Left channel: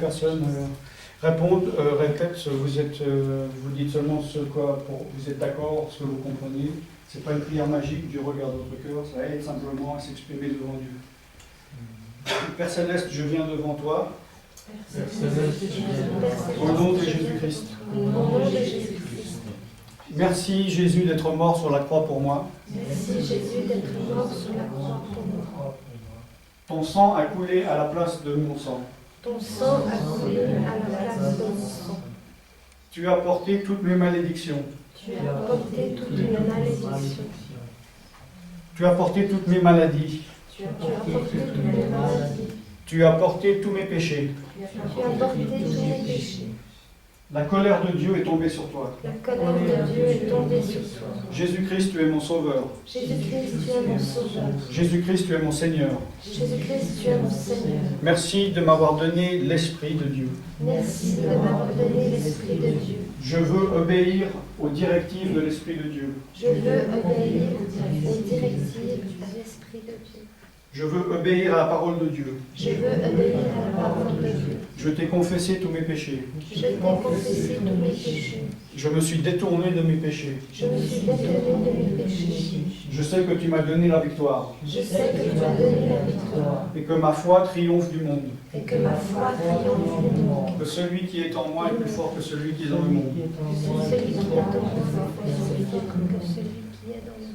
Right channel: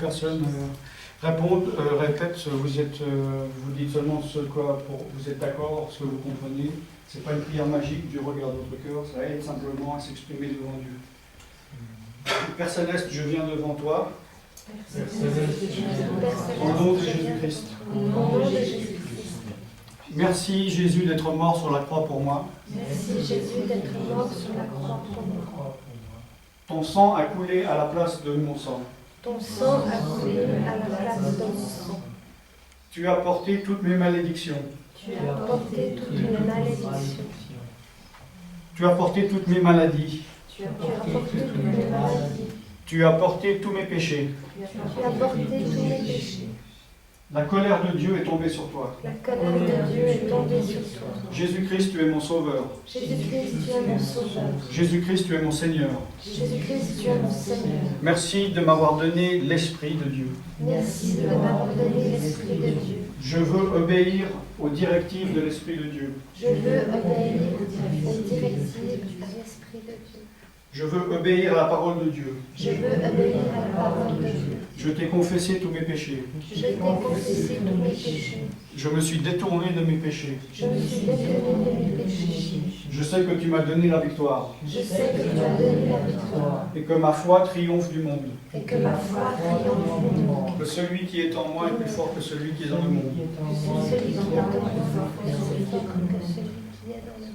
personnes répondent, répètent, vous dites seulement ce quoi vous êtes d'accord, ce que vous comprenez. Ce n'est pas une prière magique, Dieu regarde votre cœur, ça aide simplement à s'exprimer devant Dieu. Père Céleste, je viens devant toi, au nom de Jésus-Christ. Merci Jésus d'être mort sur la croix pour moi. Merci Jésus d'être mort sur la croix pour moi. Ton sang a coulé à la place de mon sang. Ton sang a coulé à la place de mon sang. Tu as porté toutes mes malédictions. Tu as porté toutes mes malédictions. Tu as porté toutes mes maladies. Tu as porté toutes mes maladies. Tu as porté tous mes péchés. Tu as porté tous mes péchés. La colère de Dieu est tombée sur toi. La colère de Dieu est tombée sur toi. Jésus-Christ, tu es mon sauveur. Jésus-Christ, tu es mon sauveur. Jésus-Christ, tu es mon Seigneur. Jésus-Christ, tu es mon Seigneur. Merci de m'avoir donné l'Esprit de Dieu. Merci de m'avoir donné l'Esprit de Dieu. Je veux obéir aux directives de l'Esprit de Dieu. Je veux obéir aux directives de l'Esprit de Dieu. Je veux obéir à la parole de Dieu. Je veux obéir à la parole de Dieu. Je t'ai confessé tous mes péchés. Je t'ai confessé tous mes péchés. Je me suis détourné de mes péchés. Je me suis détourné de mes péchés. Je sais que tu m'as donné la victoire. Je sais que tu as donné la victoire. Et que ma foi triomphe du monde. Et que ma foi triomphe du monde. Que celui qui est en moi est plus fort que celui qui est dans le monde. Que celui qui est en moi est plus fort que celui qui est dans le monde.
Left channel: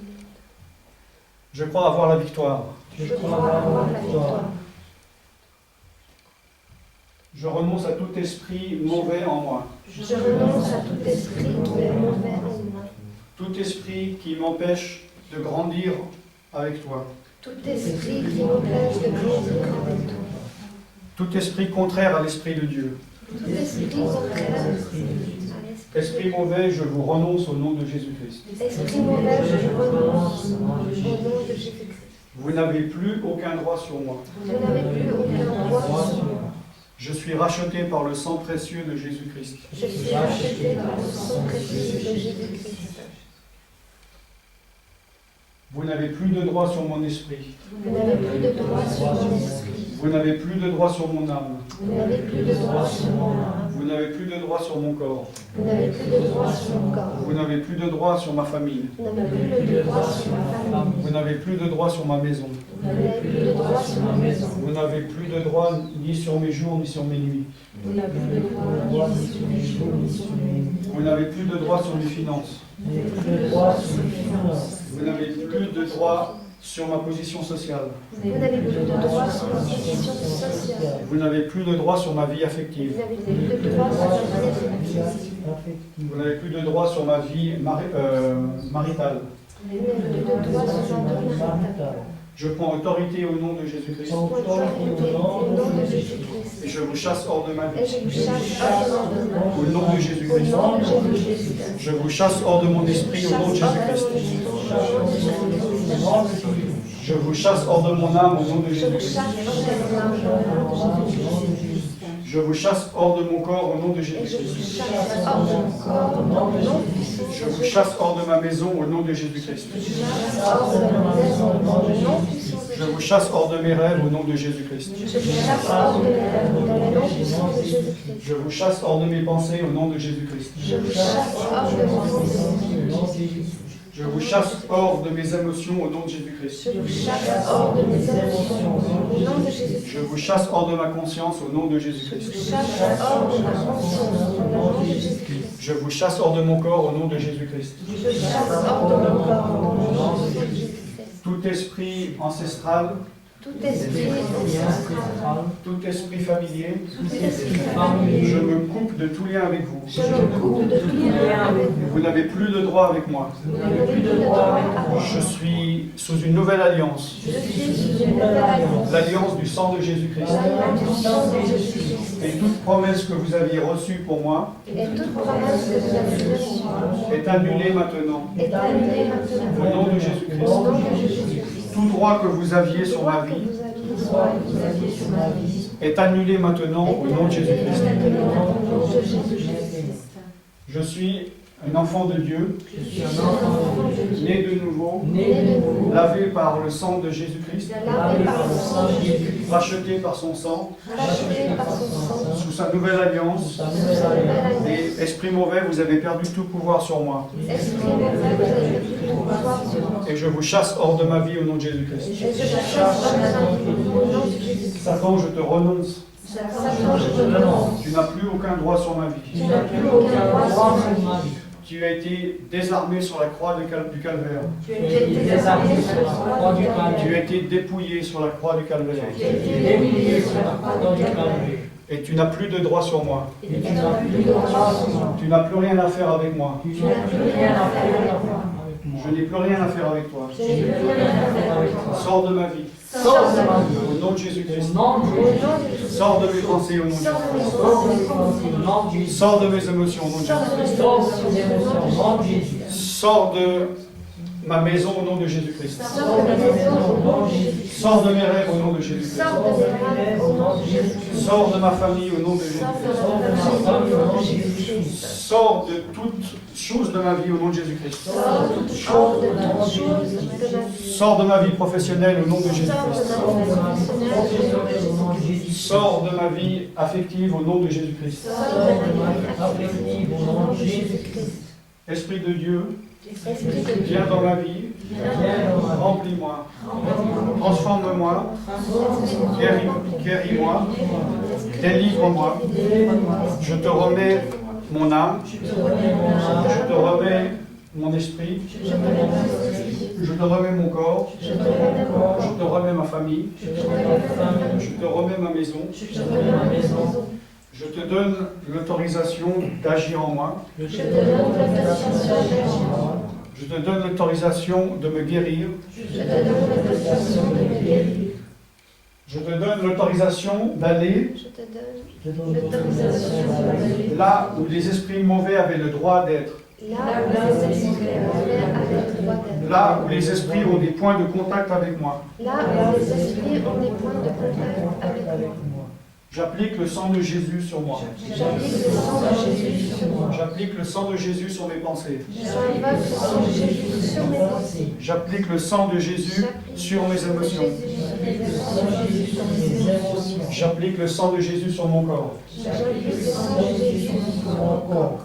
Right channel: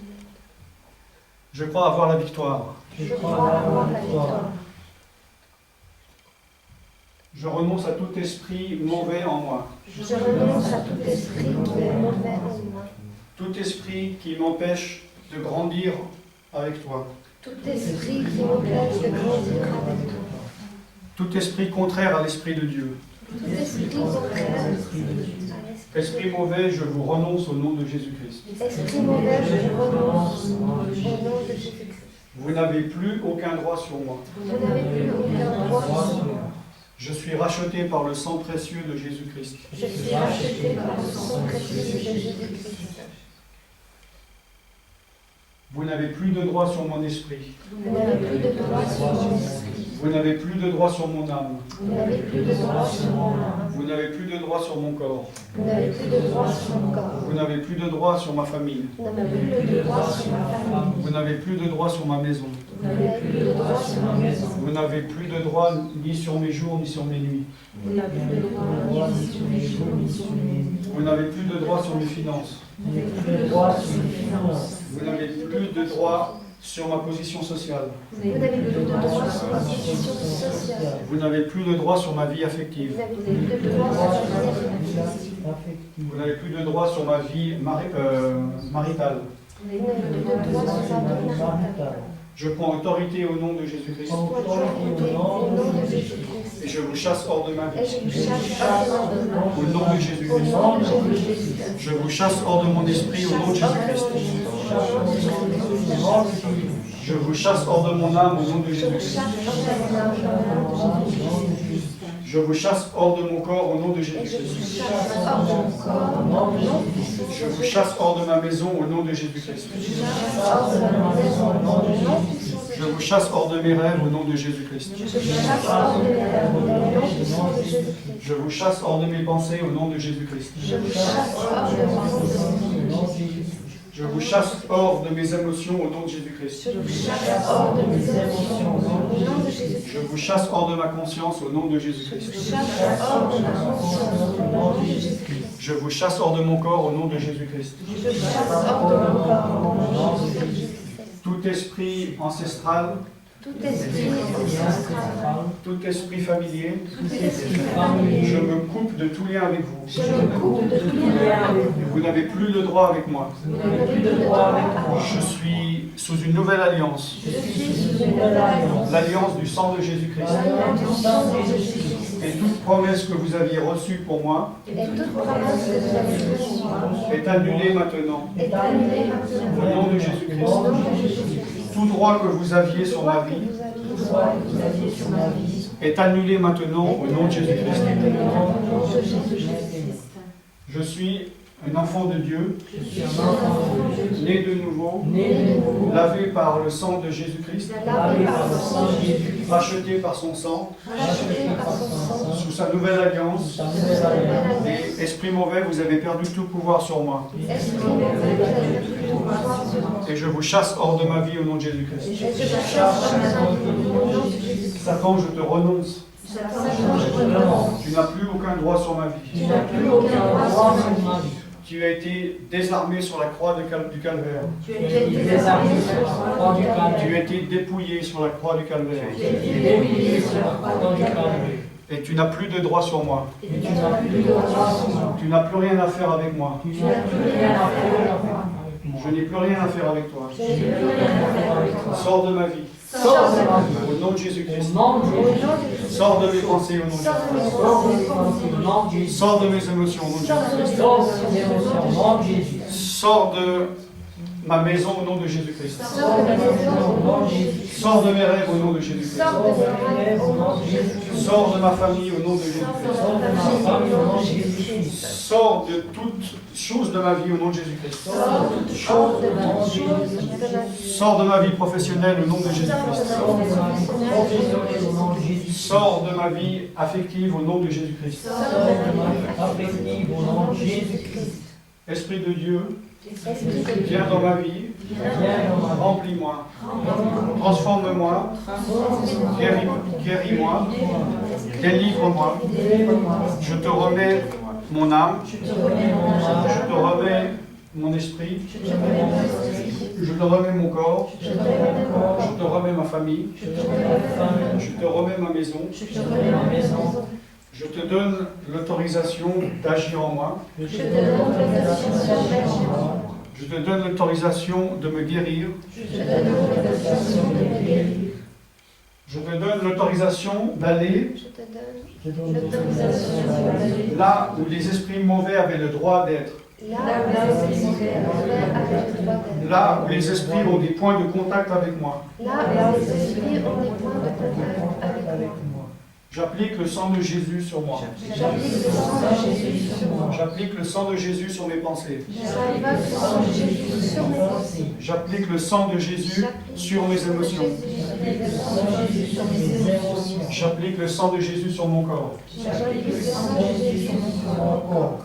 Je crois avoir la victoire. Je crois avoir la victoire. Je renonce à tout esprit mauvais en moi. Je renonce à tout esprit qui est mauvais en moi. Tout esprit qui m'empêche de grandir avec toi. Tout esprit qui m'empêche de grandir avec toi. Tout esprit contraire à l'Esprit de Dieu. Tout esprit contraire à l'Esprit de Dieu. Esprit mauvais, je vous renonce au nom de Jésus-Christ. Esprit mauvais, je vous renonce au nom de Jésus-Christ. Vous n'avez plus aucun droit sur moi. Vous n'avez plus aucun droit sur moi. Je suis racheté par le sang précieux de Jésus-Christ. Je suis racheté par le sang précieux de Jésus-Christ. Vous n'avez plus de droit sur mon esprit. Vous n'avez plus de droit sur mon esprit. Vous n'avez plus de droit sur mon âme. Vous n'avez plus de droit sur mon âme. Vous n'avez plus de droit sur mon corps. Vous n'avez plus de droit sur mon corps. Vous n'avez plus de droit sur ma famille. Vous n'avez plus de droit sur ma famille. Vous n'avez plus de droit sur ma maison. Vous n'avez plus de droit sur ma maison. Vous n'avez plus de droit ni sur mes jours ni sur mes nuits. Vous n'avez plus de droit ni sur mes jours ni sur mes nuits. Vous n'avez plus de droit sur mes finances. Vous n'avez plus de droit sur mes finances. Vous n'avez plus de droit sur ma position sociale. Vous n'avez plus de droit sur ma position sociale. Vous n'avez plus de droit sur ma vie Vous affective. n'avez plus de droit sur ma vie affective. Vous n'avez plus de droit sur ma vie maritale. Vous n'avez plus de droit sur ma vie maritale. Je prends autorité au nom de Jésus-Christ. Autorité au nom de Jésus-Christ. Et je vous chasse hors de ma Et vie. je vous chasse hors de ma vie. Au nom de Au Jésus-Christ. nom de Jésus-Christ. Je vous chasse hors de mon esprit au nom de Jésus-Christ. Je vous chasse hors de mon âme au nom de Jésus-Christ. Je vous chasse hors de mon corps au nom de Jésus-Christ. Je vous chasse hors de ma maison au nom de Jésus-Christ. Je vous chasse hors de mes rêves au nom de Jésus-Christ. Je vous chasse hors de mes pensées au nom de Jésus-Christ. Je vous chasse hors de mes émotions au nom de Jésus-Christ. Je vous chasse hors de ma conscience au nom de Jésus-Christ. Je vous chasse hors de mon corps au nom de Jésus-Christ. Tout esprit ancestral, tout esprit familier, je me coupe de tout lien avec vous. Vous n'avez plus de droit avec moi. Je suis sous une nouvelle alliance. L'alliance du sang de Jésus-Christ. Et toute promesse que vous aviez reçue pour moi est annulée maintenant. Au nom de Jésus-Christ. Tout droit que vous aviez sur ma vie est annulé maintenant au nom de Jésus-Christ. Je suis un enfant de Dieu, Je suis un enfant de Dieu, né de nouveau, né de nouveau, lavé par le sang de Jésus-Christ, lavé par le sang de Jésus, racheté par son sang, racheté par son sang, sous sa nouvelle sous alliance. sa nouvelle alliance. Et esprit mauvais, vous avez perdu tout pouvoir sur moi. Esprit mauvais, vous avez pris tout pouvoir sur moi. Et je vous chasse hors de ma vie au nom de Jésus-Christ. Et je chasse dans ma vie au nom de Jésus-Christ. Satan, je te renonce. Satan, je te renonce. Tu n'as plus aucun droit sur ma vie. Tu n'as plus aucun droit sur ma vie. Tu as été désarmé sur la croix du calvaire. Tu Tu as as été désarmé sur la croix du Tu calvaire. as été dépouillé sur la croix du calvaire. Tu as été dépouillé sur la croix du calvaire. Et tu n'as plus de droit sur moi. Et tu n'as plus de droit sur moi. Tu n'as plus rien à faire avec moi. Tu n'as plus rien à faire avec moi. Je n'ai plus rien à faire avec toi. Je n'ai plus rien à faire avec toi. Sors de ma vie. Sors de ma vie. Au nom de Au Jésus-Christ. nom de Jésus. Sors de mes pensées au nom de Jésus-Christ. Sors de mes pensées au nom de Jésus. Sors de mes émotions au nom de Jésus-Christ. Sors de mes émotions au nom de Jésus. Sors de ma maison au nom de Jésus-Christ. Sors de ma maison au nom de Jésus. Sors de mes rêves au nom de Jésus-Christ. Sors de mes rêves au nom de Jésus. Sors de ma famille au nom de Jésus-Christ. Sors de ma famille au nom de Jésus. Sors de toutes choses de ma vie au nom de Jésus-Christ. Sors de toutes choses au nom de Jésus. Sors de ma vie professionnelle au nom de Jésus-Christ. Sors de ma vie professionnelle au nom de Jésus. Sors de ma vie affective au nom de Jésus-Christ. Sors de ma vie affective au nom de Jésus-Christ. Esprit de Dieu, Esprit de Dieu, viens dans ma vie, Viens dans ma vie. remplis-moi, transforme-moi, guéris-moi, délivre-moi. Je te remets mon âme, Je te remets mon âme. je te remets mon esprit, Je te remets mon esprit. je te remets mon corps, Je te remets mon corps. je te remets ma famille, Je te remets ma famille. je te remets ma maison. Je te remets ma maison. Je te donne l'autorisation d'agir en moi. Je te donne l'autorisation d'agir en moi. Je te donne l'autorisation de me guérir. Je te donne l'autorisation de guérir. Je te donne l'autorisation d'aller je te donne Je te donne l'autorisation d'aller là où les esprits mauvais avaient le droit d'être. là où les esprits mauvais avaient le droit d'être. Là où les esprits ont des points de contact avec moi. Là où les esprits ont des points de contact avec moi. J'applique le sang de Jésus sur moi. J'applique le sang de Jésus sur moi. J'applique le sang de Jésus sur mes pensées. J'invoque le sang de Jésus sur mes pensées. J'applique le sang de Jésus sur mes émotions. J'applique le sang de Jésus sur mon corps. J'applique le sang de Jésus sur mon corps.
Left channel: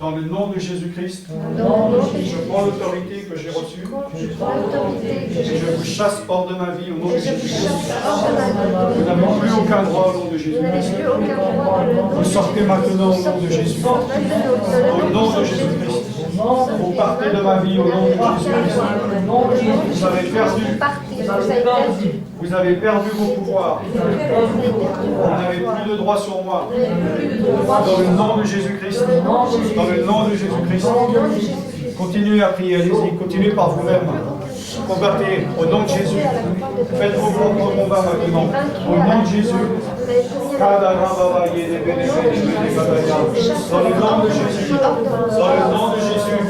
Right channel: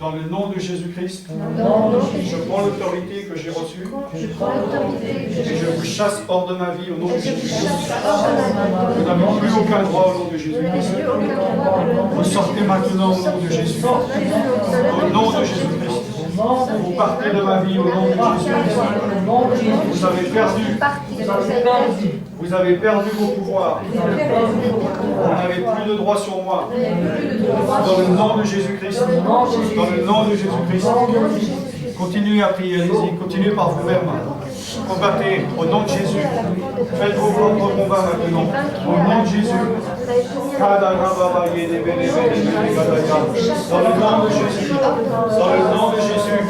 Dans le nom de Jésus-Christ, Dans le nom de je Jésus, prends l'autorité que j'ai reçue je prends l'autorité que et je j'ai vous chasse hors de ma vie au nom de et je vous Jésus-Christ. chasse hors de ma vie. Vous n'avez plus aucun droit au nom de Vous Jésus. n'avez plus aucun droit de le Vous sortez maintenant au nom de Jésus. Au nom de Jésus. Jésus-Christ. Au nom de Vous partez de ma vie au nom de Jésus-Christ. Au nom de Jésus. Vous avez perdu. Vous avez perdu. Vous avez perdu vos pouvoirs. Vous avez perdu vos Vous pouvoirs. n'avez plus de droit sur moi. Vous n'avez plus de droit Dans sur le moi. nom de Jésus-Christ. Dans le nom de Jésus. Dans le nom de Jésus-Christ. Au nom de Jésus. Continuez à prier, allez-y. Continuez par vous-même. Combattez au nom de Jésus. Faites vos propres combats maintenant. Au nom de Jésus. Dans le nom de Jésus. Dans le nom de Jésus.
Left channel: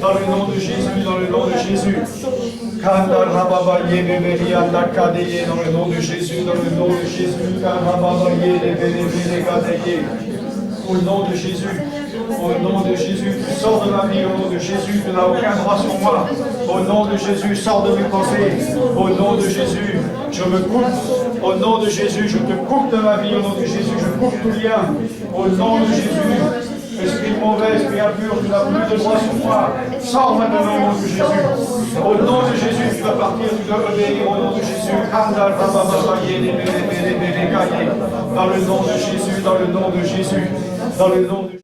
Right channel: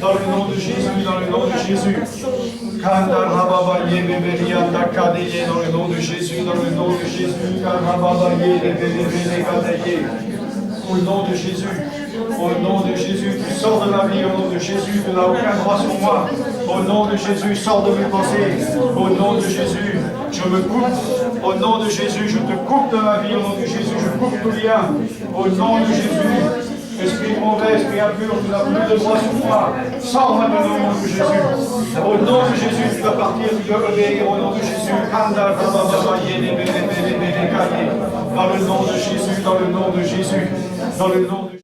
Dans le nom de Jésus. Dans le nom de Jésus. Kanda rababa yebe yanda kadeye dans le nom de Jésus, dans le nom de Jésus, karababa yebe kadeye. Au nom de Jésus, au nom de Jésus, tu sors de ma vie, au nom de Jésus, tu n'as aucun droit sur moi. Au nom de Jésus, sors de mes pensées. Au nom de Jésus, je me coupe. Au nom de Jésus, je te coupe de ma vie. Au nom de Jésus, je coupe tout lien. Au nom de Jésus. Esprit mauvais, esprit impur, tu n'as plus de droit sur moi. Sors maintenant au nom de Jésus. Au nom de Jésus, tu vas partir, tu dois obéir au nom de Jésus. Dans le nom de Jésus, dans le nom de Jésus, dans le nom de